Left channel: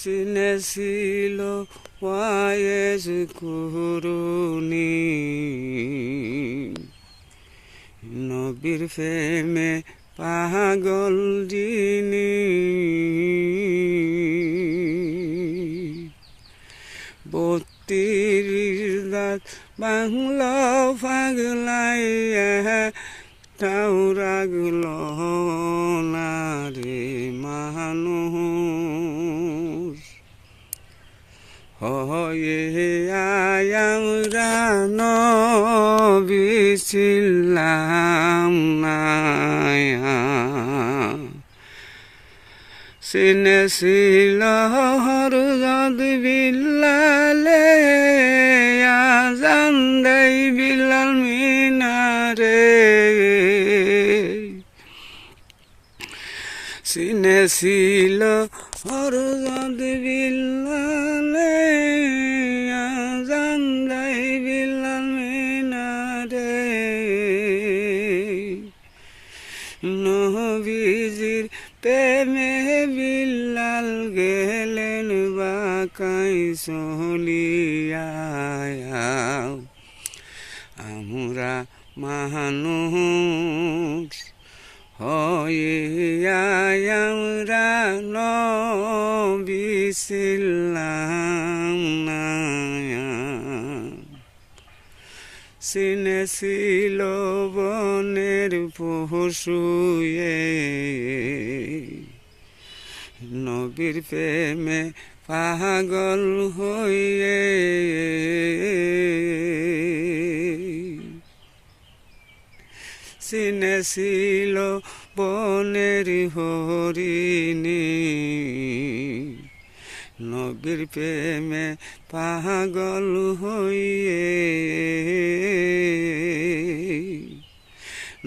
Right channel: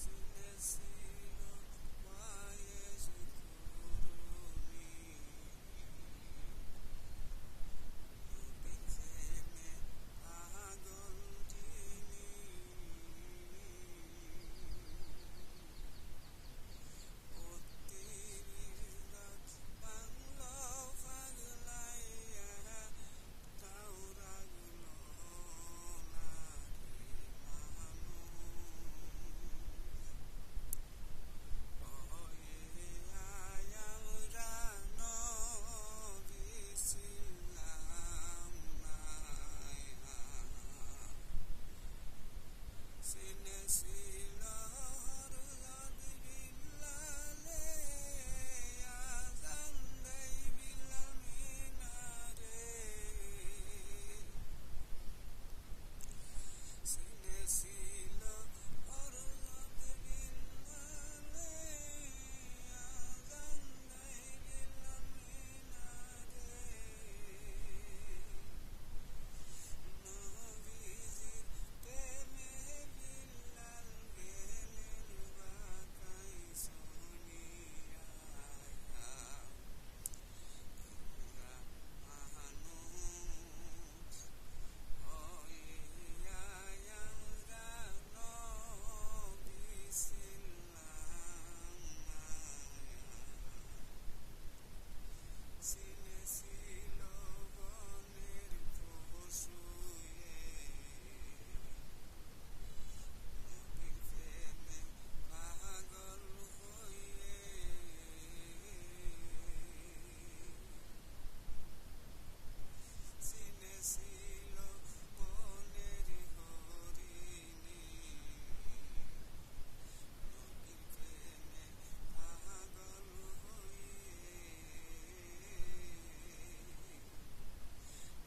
চিনেছিল wise কুরুনি নবীর প্রেমে পাগল যিনি 32 রাত বাংলা পাগলাইয়া তাও রাগল না রে মানুষ হয়ে আমরা নবী ছিলাম না চিনেছিল হরজত বিল্লালে আজান দেই বিলাল মিনারে চিনেছিল হরজত বিল্লালে আজান দেই বিলাল মিনারে নবীজির প্রেমে বিল্লাল গেলেন বাঁকাই চলিয়া আমরা মানুষ হয়ে আমরা নবী ছিলাম না চিনেছিল বনের পশুয়ে নবীর প্রেমে পাগল হয়ে চিনেছিল বনের হরিণী নবীর প্রেমে পাগল হয়ে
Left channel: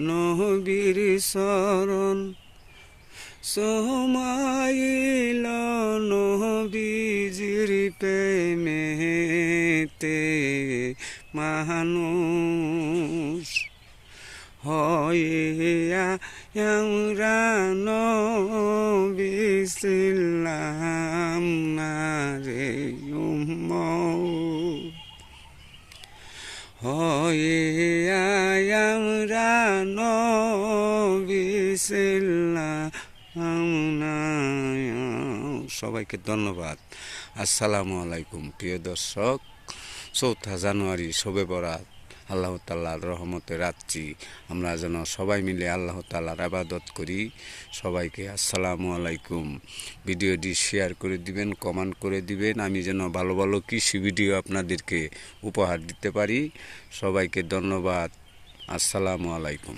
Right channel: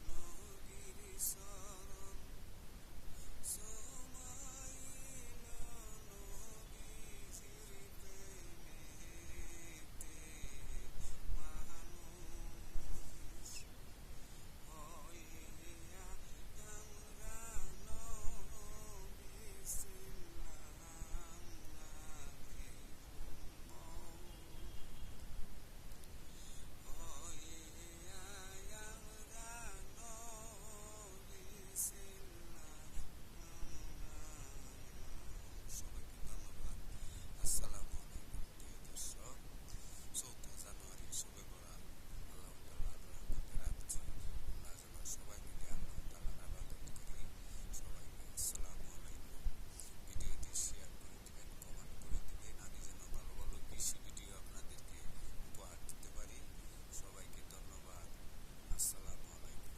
নবীর শরণ সমাইল নবীজির প্রেমেতে মানুষ হয়ে আমরা নবী ছিলাম না রে উম্মত হয়ে আমরা নবী ছিলাম না। সবাইকে ধন্যবাদ। আসসালামু আলাইকুম। প্রিয় দর্শক, 4 জানুয়ারি শবে বরাত, আল্লাহ তাআলার রহমতে রাত্রি আমরা যেন সবাই মিলে আল্লাহ তাআলার ইবাদত করি। সবাইকে আসসালামু আলাইকুম। ভিডিওটি শেয়ার করে দিবেন, কমেন্ট করে দিবেন, আমি যেন ভালো ভালো কৃষি ভিডিও আপনাদেরকে উপহার দিতে পারি। সবাইকে ধন্যবাদ। আসসালামু আলাইকুম।